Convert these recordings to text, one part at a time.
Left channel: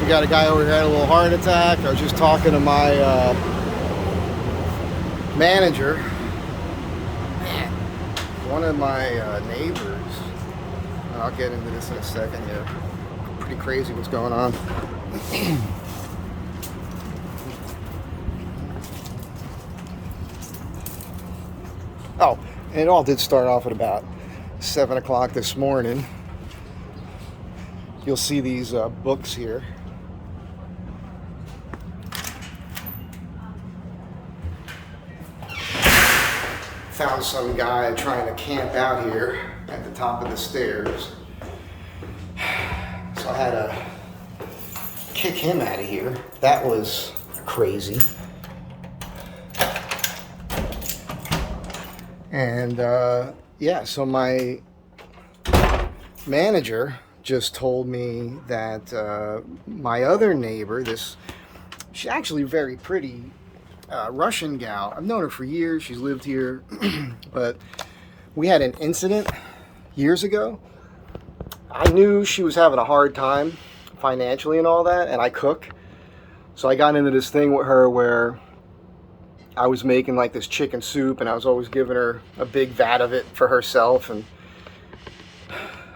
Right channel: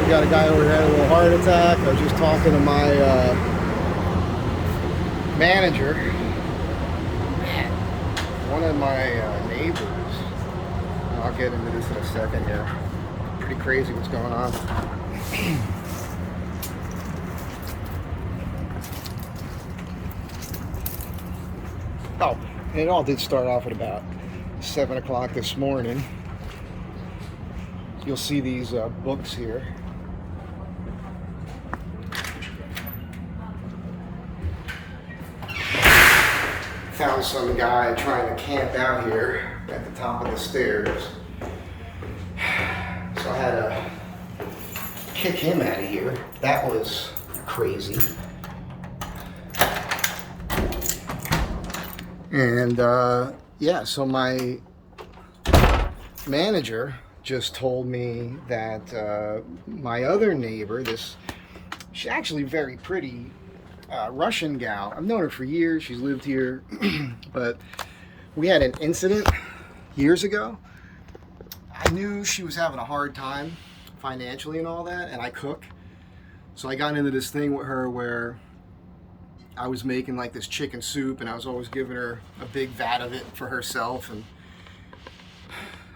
We got a guy over here had a little heart attack. I was just talking to my manager. Man, one of my neighbors, I'll get into this in a second here. Pretty crazy what's going on. Oh, and it all did start off at about 7 o'clock this morning. You'll see these books here. Found some guy trying to camp out here at the top of the stairs. So I had to kick him out of here. That was crazy. And yeah, so my manager just told me that my other neighbor, she's actually very pretty Russian gal. I've known her for years. She's lived here, but we had an incident years ago. I knew she was having a hard time financially and all that, and I cook. So I got into this thing with her where I was making like this chicken soup, and I was always giving her a big vat of it for herself, and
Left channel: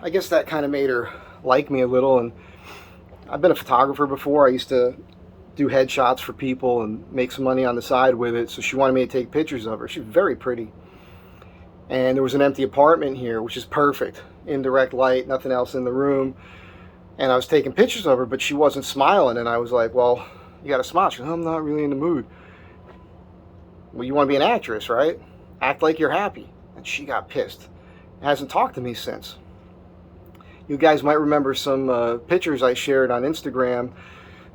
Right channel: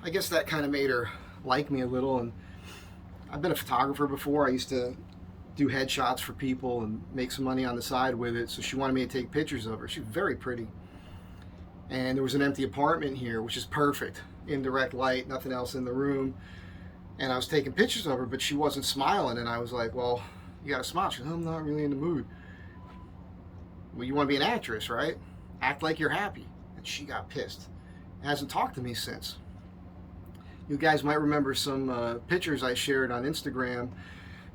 I guess that kind of made her like me a little. And I've been a photographer before. I used to do headshots for people and make some money on the side with it, so she wanted me to take pictures of her. She's very pretty. And there was an empty apartment here, which is perfect. Indirect light, nothing else in the room. And I was taking pictures of her, but she wasn't smiling, and I was like, well, you gotta smile. She goes, I'm not really in the mood. Well, you want to be an actress, right? Act like you're happy. And she got pissed. Hasn't talked to me since. You guys might remember some pictures I shared on Instagram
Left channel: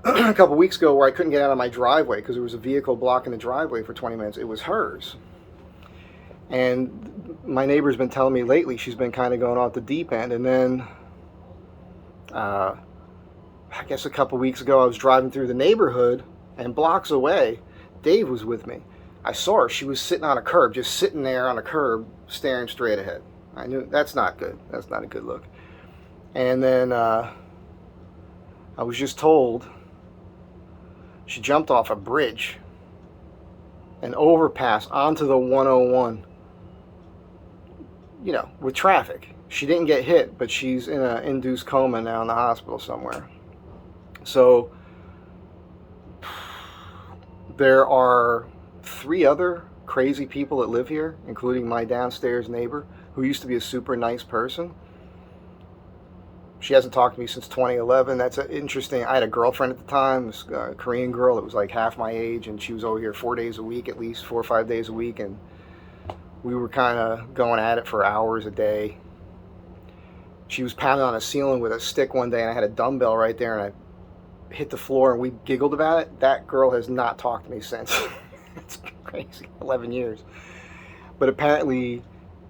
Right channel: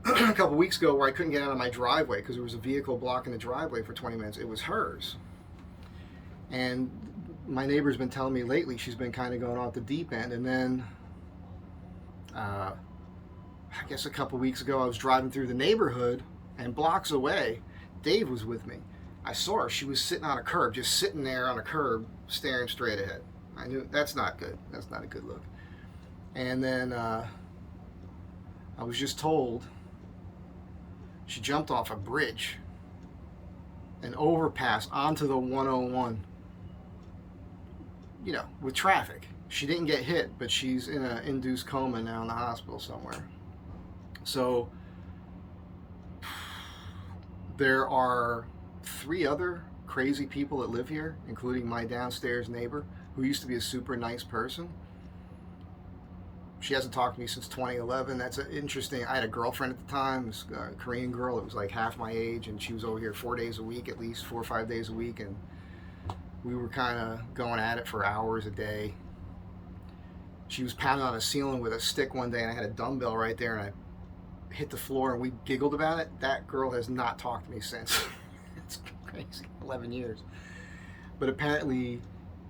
a couple weeks ago where I couldn't get out of my driveway because there was a vehicle blocking the driveway for 20 minutes. It was hers. And my neighbor's been telling me lately she's been kind of going off the deep end. And then I guess a couple weeks ago I was driving through the neighborhood, and blocks away Dave was with me. I saw her. She was sitting on a curb, just sitting there on a curb, staring straight ahead. I knew that's not good. That's not a good look. And then I was just told she jumped off a bridge, an overpass onto the 101, you know, with traffic. She didn't get hit, but she's in an induced coma now in the hospital somewhere. So there are 3 other crazy people that live here, including my downstairs neighbor, who used to be a super nice person. She hasn't talked to me since 2011. That's interesting. I had a girlfriend at the time, this Korean girl that was like half my age, and she was over here 4 days a week, at least 4 or 5 days a week, and we were kind of going at it for hours a day. She was pounding on a ceiling with a stick one day, and I had a dumbbell right there, and I hit the floor, and we giggled about it. That girl has not talked to me since. It's crazy. 11 years. But apparently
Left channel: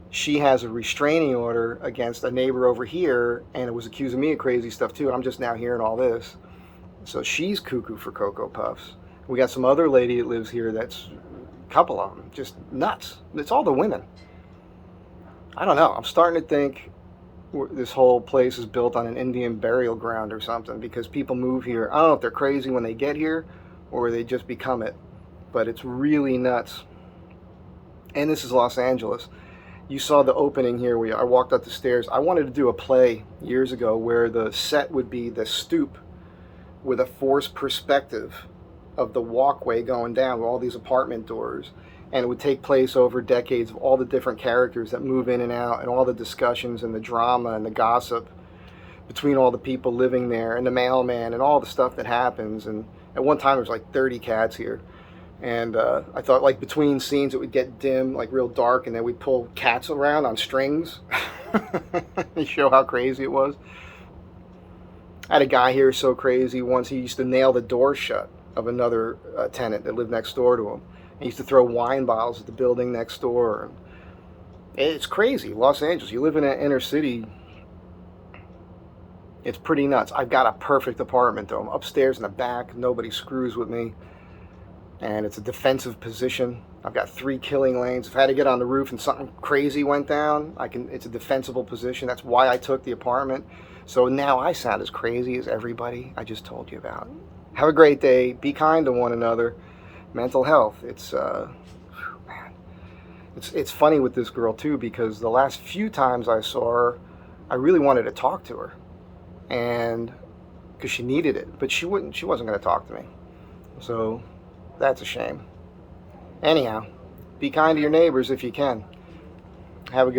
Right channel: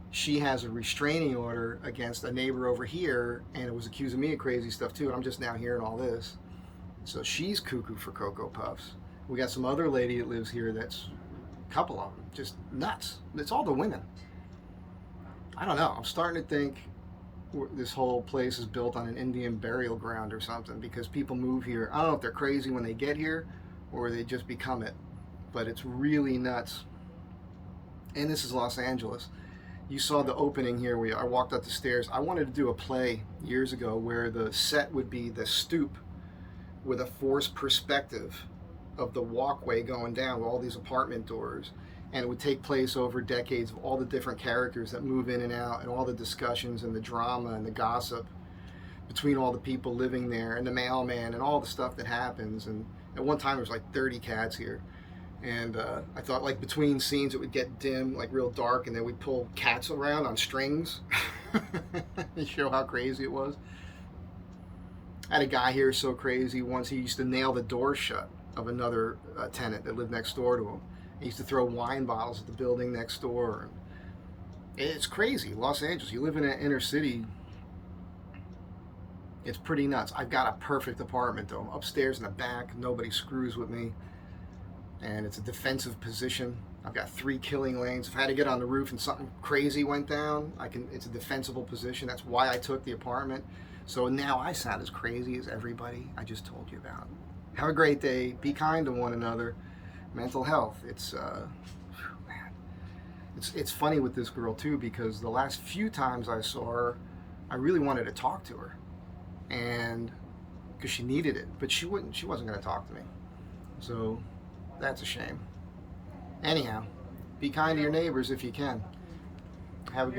she has a restraining order against a neighbor over here, and it was accusing me of crazy stuff too, and I'm just now hearing all this. So she's cuckoo for Cocoa Puffs. We got some other lady that lives here that's a couple of them, just nuts. It's all the women. I don't know. I'm starting to think this whole place is built on an Indian burial ground or something, because people move here. I don't know if they're crazy when they get here or they just become it, but it's really nuts. And this is Los Angeles. You saw the opening here. I walked up the stairs. I wanted to do a play years ago where the set would be the stoop with a forced perspective of the walkway going down with all these apartment doors. And it would take place over decades of all the different characters that move in and out, and all the discussions and the drama and the gossip between all the people living there, and the mailman, and all the stuff that happens. And at one time there was like 30 cats here. And I thought, like, between scenes it would get dim, like real dark, and then we'd pull cats around on strings to show how crazy it was. I had a guy here so crazy once, he used to nail the door shut of another tenant that lived next door to him. He used to throw wine bottles at the building next door. It's crazy. Los Angeles, you live in an inner city, it's pretty nuts. I've got a perfect apartment though. I'm upstairs in the back, nobody screws with me. and it's a defensive position. I've got 3 killing lanes. If I had to get on the roof and something crazy went down, it's a defensible position. That's why I took the apartment. So now I sound as crazy as everybody I just told you about. Have a great day. Be kind to one another. Mental health. Man, it's funny with this girl too, because the last few times I saw her, I really wanted to talk to her, and because she needed it, but she wasn't going to talk to me. So that's a shame. Anyhow, be kind to your neighbors if you can. Have a good